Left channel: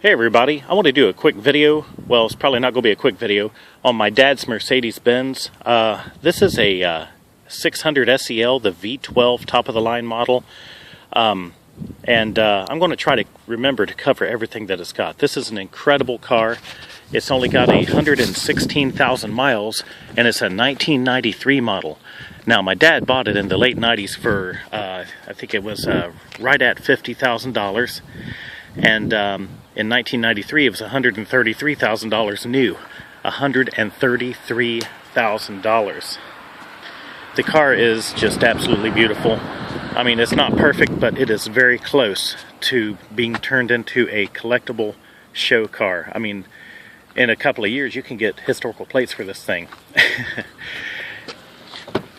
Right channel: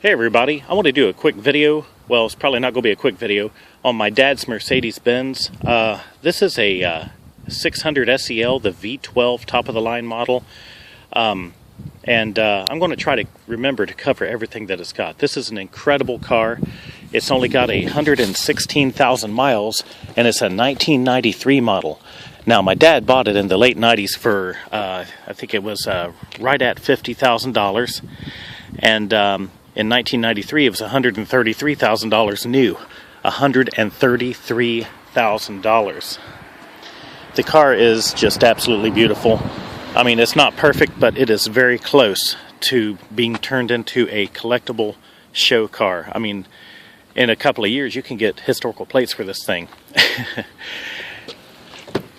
Hey everybody, I want to do a quick video. Well, it's probably not going to be a quick video on my dad's Mercedes Benz. This is a 600 SEL, the V12 top of the line model. I'm going to try to remember to cover everything that it's got. This is an incredible car. It's only got 116,000 miles and it's a 1993 model. Now my dad bought it in the late 90s for, I think it was right at $50,000. And in 1993, it was $133,000 new. $133,000. The car is just absolutely beautiful. I mean, it's not perfect, but it is very close to being turned into a collectible show car. I mean, in a couple of years, you can get historical plates for this thing.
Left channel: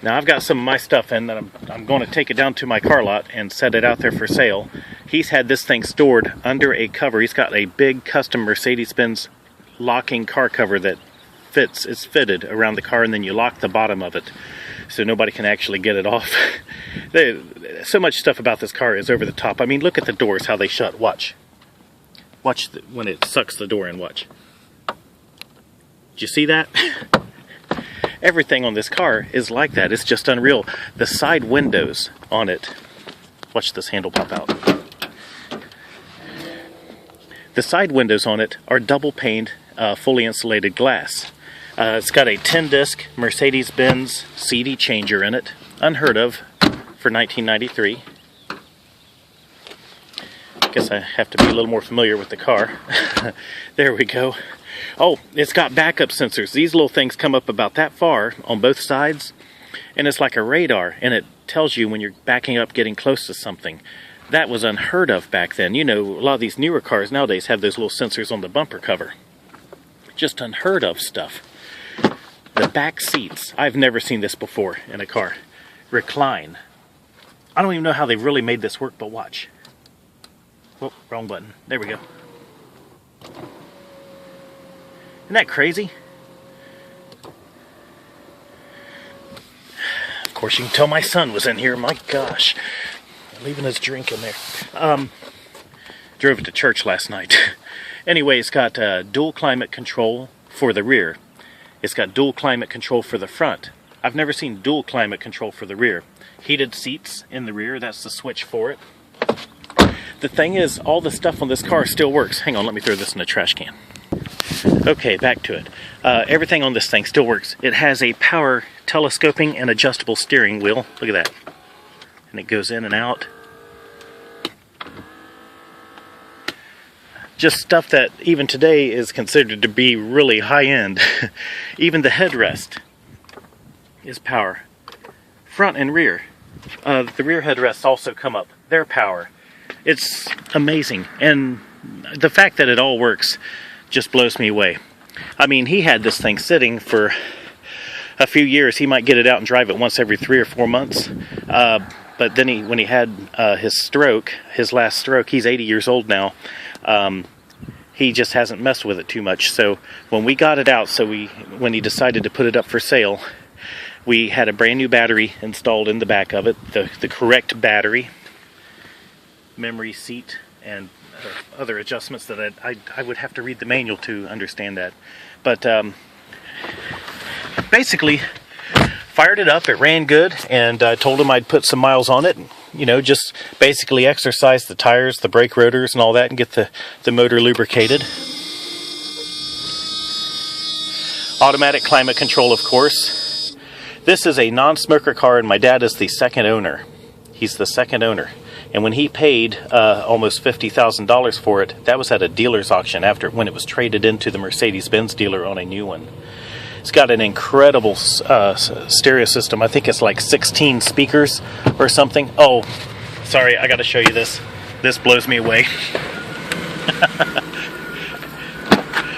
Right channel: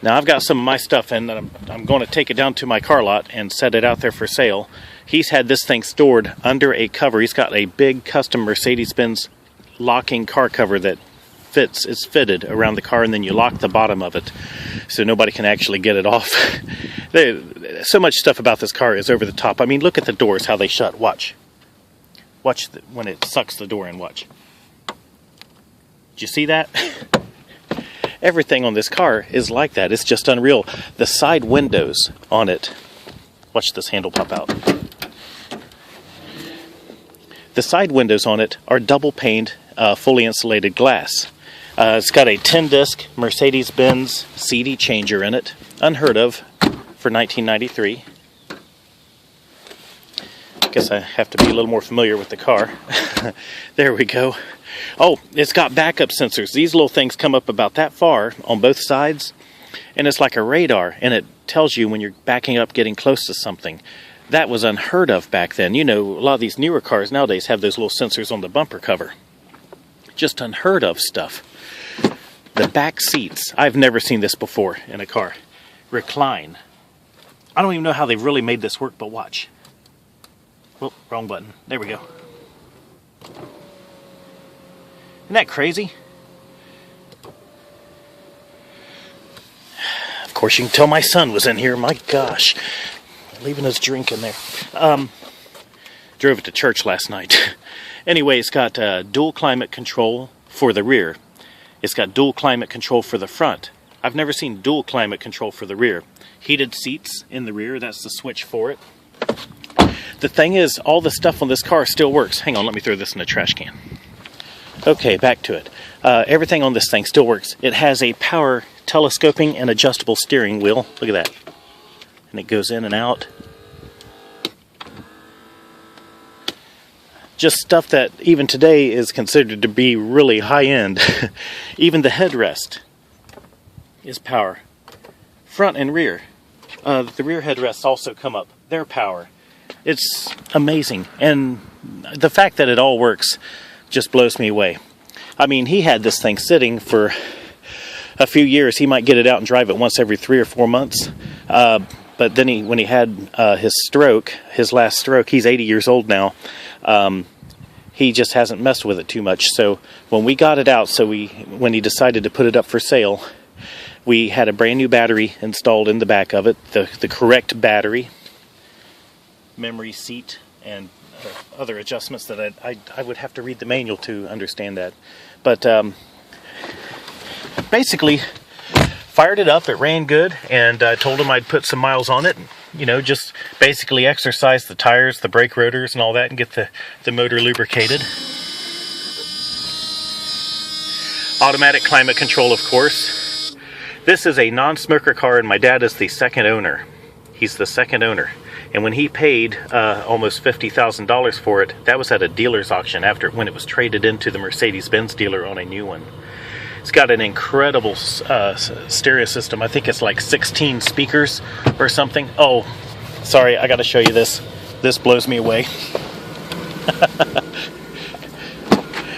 Now, I've got some of my stuff in that I'm going to take it down to my car lot and set it out there for sale. He's had this thing stored under a cover. He's got a big custom Mercedes Benz locking car cover that is fitted around the car, and then you lock the bottom of it so nobody can actually get it off. So much stuff about this car is over the top. I mean, look at the doors, how they shut. Watch when it sucks the door in. Watch. Did you see that? Everything on this car is like that. It's just unreal. The side windows on it. Watch this handle pop out. The side windows on it are double paned, fully insulated glass. It's got a 10-disc Mercedes Benz CD changer in it. Unheard of for 1993. Guess I have to be a little more familiar with the car. There we go. Oh, it's got backup sensors. These little things come up about that far on both sides, and it's like a radar, and it tells you when you're backing up, getting close to something. That was unheard of back then. You know, a lot of these newer cars nowadays have those little sensors on the bumper cover. Just unheard of stuff. The back seats, I've never seen this before in a car. Recline. I don't even know how they've really made this work, but watch. Oh, wrong button. There we go. Isn't that crazy? Of course, you can tell my son was in here. My gosh. Leaving his drink in there. Drove it to church last night. Anyway, it's got dual climate control for the rear. It's got dual climate control for the front. I've never seen dual climate control for the rear. Heated seats in the rear. That's the switch for it. The thing is, all the stuff on this car still works. Hang on, let me throw this in a trash can. Okay, back to it. Everything on this thing still works. It has a power telescoping and adjustable steering wheel. Look at that. And it goes in and out. Just stuff that even today is considered to be really high-end. Even the headrest is power. Front and rear. The rear headrests also come up. They're power. It's amazing. And the fact that it all works just blows me away. I mean, he had this thing sitting for a few years. He might get it out and drive it once every 3 or 4 months. But then when he had his last stroke, he's 80 years old now. He just hasn't messed with it too much. So when we got it out, when he decided to put it up for sale, we had a brand new battery installed in the back of it, the correct battery, memory seat, and other adjustments that I would have to read the manual to understand that. But basically, fired it up, it ran good, and I told him I'd put some miles on it, you know, just basically exercise the tires, the brake rotors and all that, and get the motor lubricated. Automatic climate control, of course. This is a non-smoker car, and my dad is the second owner. He's the second owner. And when he paid almost $50,000 for it, that was at a dealer's auction when it was traded into the Mercedes Benz dealer on a new one. It's got an incredible stereo system. I think it's like 16 speakers or something. Oh, sorry, I got to show you this. This blows me away.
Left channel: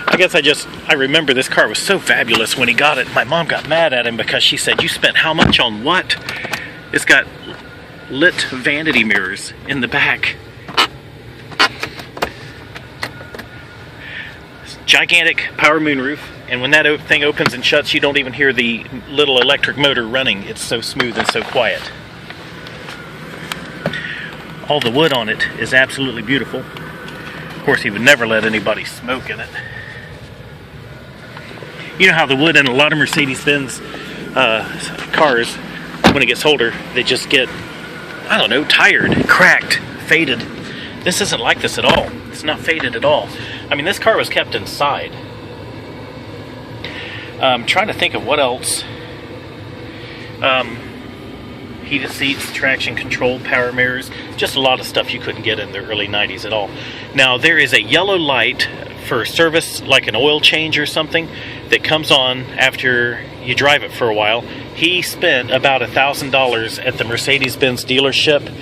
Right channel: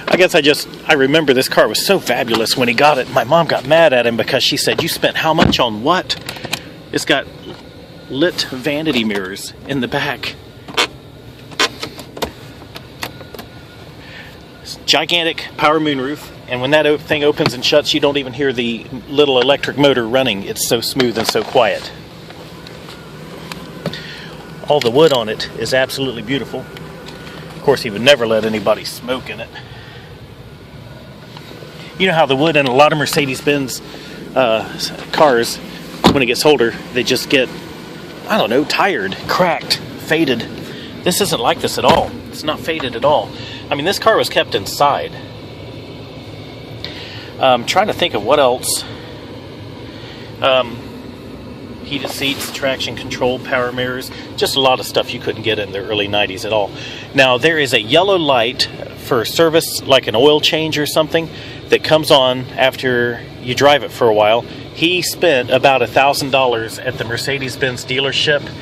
I guess I remember this car was so fabulous when he got it. My mom got mad at him because she said, "You spent how much on what?" It's got lit vanity mirrors in the back. Gigantic power moonroof, and when that thing opens and shuts, you don't even hear the little electric motor running. It's so smooth and so quiet. All the wood on it is absolutely beautiful. course, he would never let anybody smoke in it. You know how the wood in a lot of Mercedes Benz cars, when it gets older, they just get, I don't know, tired, cracked, faded. This isn't like this at all. It's not faded at all. I mean, this car was kept inside. Trying to think of what else. Heated seats, traction control, power mirrors, just a lot of stuff you couldn't get in the early 90s at all. Now, there is a yellow light for service, like an oil change or something, that comes on after you drive it for a while. He spent about $1,000 at the Mercedes Benz dealership,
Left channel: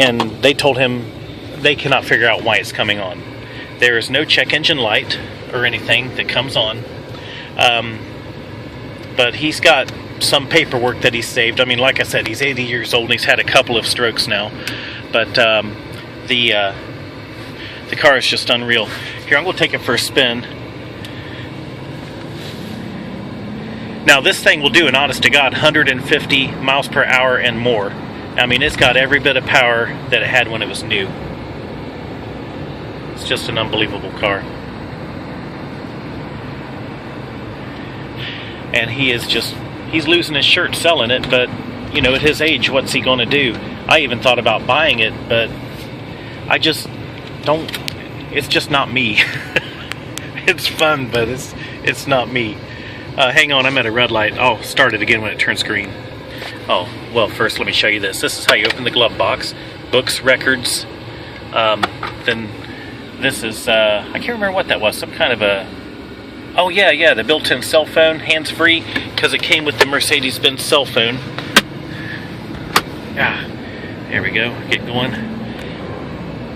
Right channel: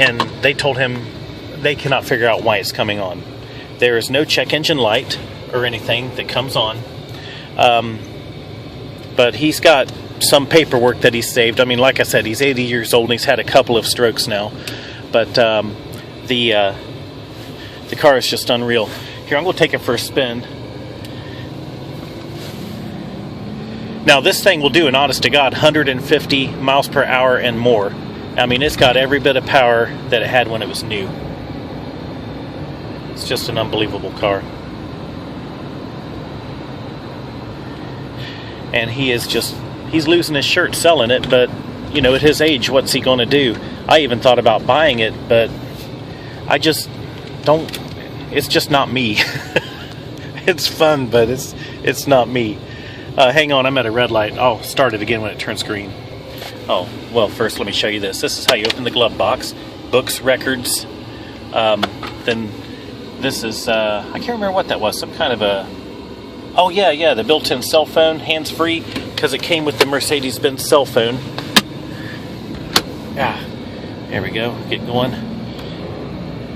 and they told him they cannot figure out why it's coming on. There is no check engine light or anything that comes on. But he's got some paperwork that he's saved. I mean, like I said, he's 80 years old and he's had a couple of strokes now. But the car is just unreal. Here, I'm going to take it for a spin. Now, this thing will do, an honest to God, 150 miles per hour and more. I mean, it's got every bit of power that it had when it was new. It's just an unbelievable car. And he's losing his shirt selling it, but, you know, at his age, what's he going to do? I even thought about buying it, but I just don't, it's just not me. It's fun, but it's not me. Hang on, I'm at a red light. I'll start it again when it turns green. Oh, well, first let me show you this. This is how you open the glove box. Books, records. Then this is, I can't remember what that was. Some kind of a, oh yeah, the built-in cell phone, hands-free, because it came with the Mercedes Benz cell phone. Ah, there we go, get going.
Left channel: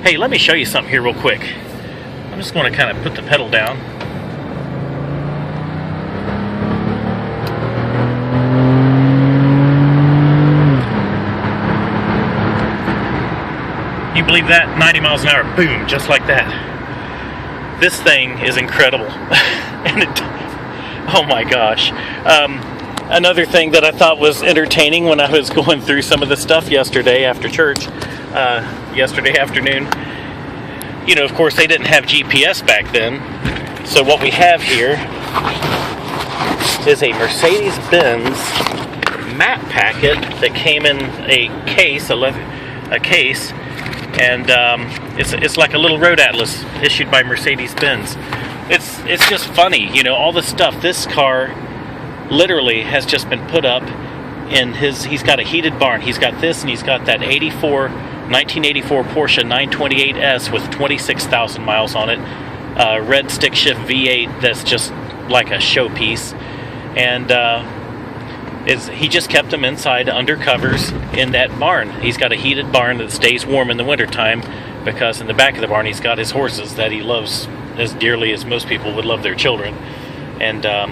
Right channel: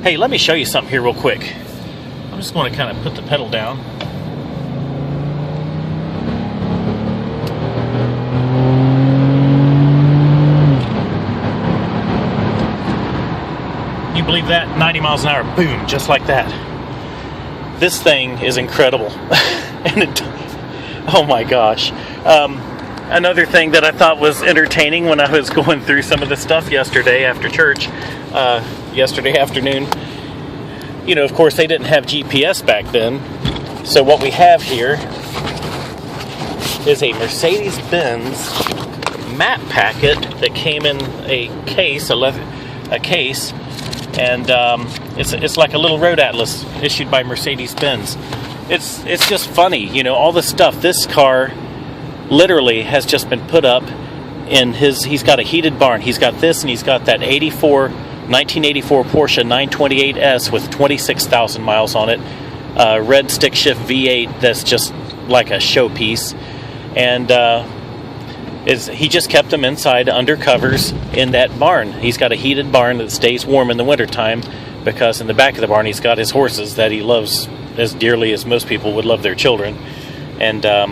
Hey, let me show you something here real quick. I'm just going to kind of put the pedal down. You believe that? 90 miles an hour, boom, just like that. This thing is incredible. And it, oh my gosh. Another thing that I thought was entertaining when I was going through some of the stuff yesterday after church, yesterday afternoon, you know, of course they didn't have GPS back then. So what we have here is a Mercedes Benz map packet that came in a case, a case, and it's like a little road atlas issued by Mercedes Benz. It's just funny, you know, all the stuff. This car literally has just been put up in he's got a heated barn. He's got this, and he's got that 1984 Porsche 928S with 26,000 miles on it. Red stick shift V8 that's just like a showpiece. And he just kept them inside under covers in that barn. He's got a heated barn that stays warm in the wintertime, because in the back of the barn he's got his horses that he loves as dearly as most people would love their children. And I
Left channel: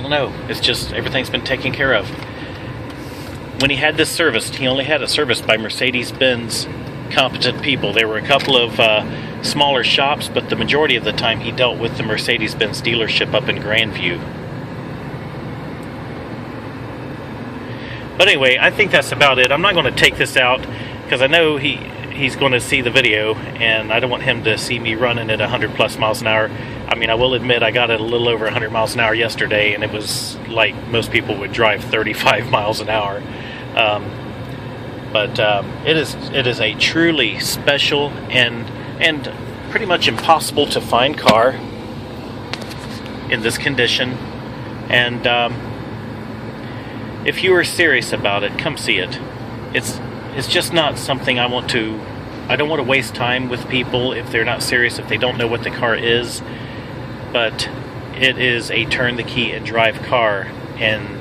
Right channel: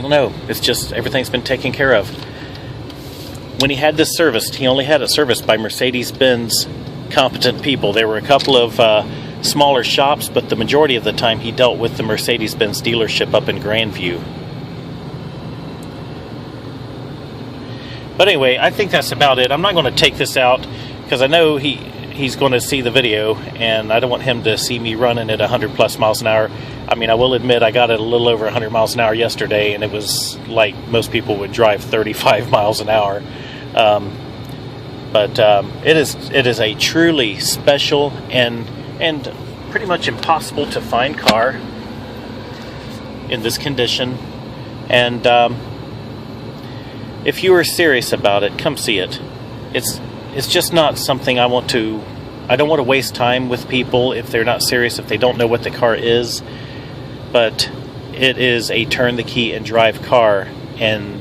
don't know, it's just everything's been taken care of. When he had this serviced, he only had it serviced by Mercedes-Benz competent people. There were a couple of smaller shops, but the majority of the time he dealt with the Mercedes-Benz dealership up in Grandview. But anyway, I think that's about it. I'm not going to take this out because I know he's going to see the video, and I don't want him to see me running at 100 plus miles an hour. I mean, I will admit I got it a little over 100 miles an hour yesterday, and it was like most people would drive 35 miles an hour. But it is a truly special and pretty much impossible to find car in this condition. And if you are serious about it, come see it. It's just not something I don't want to waste time with people if they're not serious, if they don't know what the car is. But it is a turn the key and drive car, and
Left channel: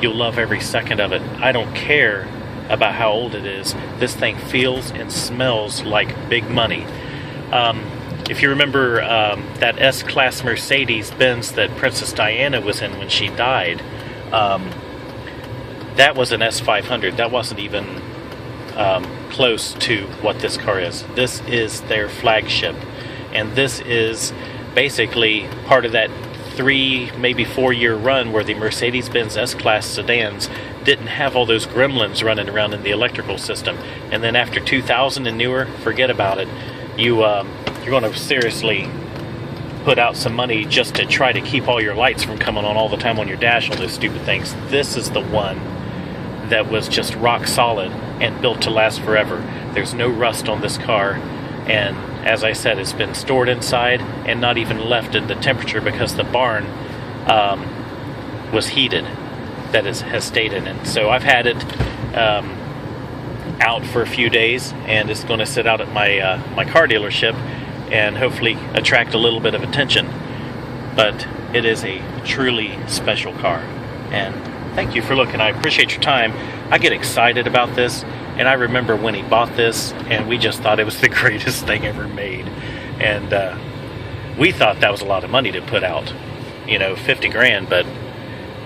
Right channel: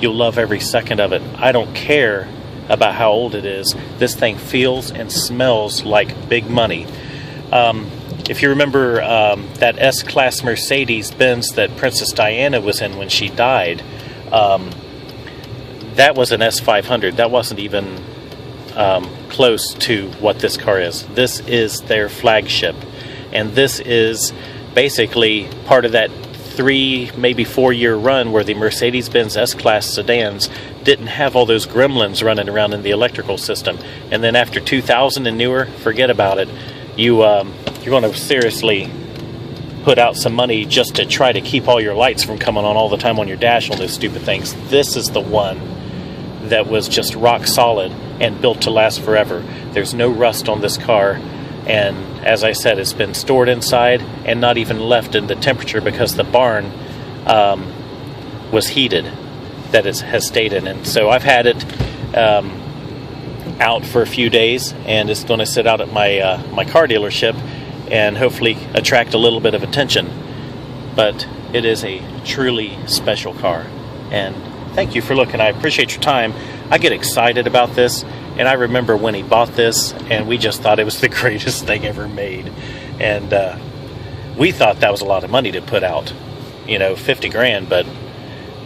you'll love every second of it. I don't care about how old it is. This thing feels and smells like big money. If you remember that S-Class Mercedes Benz that Princess Diana was in when she died, that was an S500. That wasn't even close to what this car is. This is their flagship, and this is basically part of that 3, maybe 4 year run where the Mercedes-Benz S-Class sedans didn't have all those gremlins running around in the electrical system. And then after 2000 and newer, forget about it. you're going to seriously put out some money just to try to keep all your lights from coming on all the time on your dash on those stupid things, this is the one that was just rock solid and built to last forever. There's no rust on this car, and as I said, it's been stored inside and not even left in the temperature because the barn was heated, that it has stayed in it. So I've had it out for a few days, and it's going to sit out at my car dealership and hopefully attract a little bit of attention. But it is a truly special car, and thank you for looking. I appreciate your time. I get excited about this, and I remember when he bought this, and we just thought it was the greatest thing ever made. And we thought that was a lot of money to put out, you know, 50 grand, but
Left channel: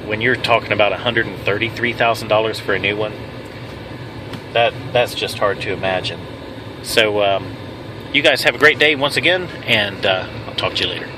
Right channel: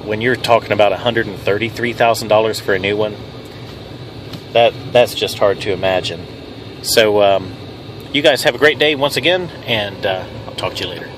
when you're talking about $133,000 for a new one, that's just hard to imagine. So you guys have a great day once again, and I'll talk to you later.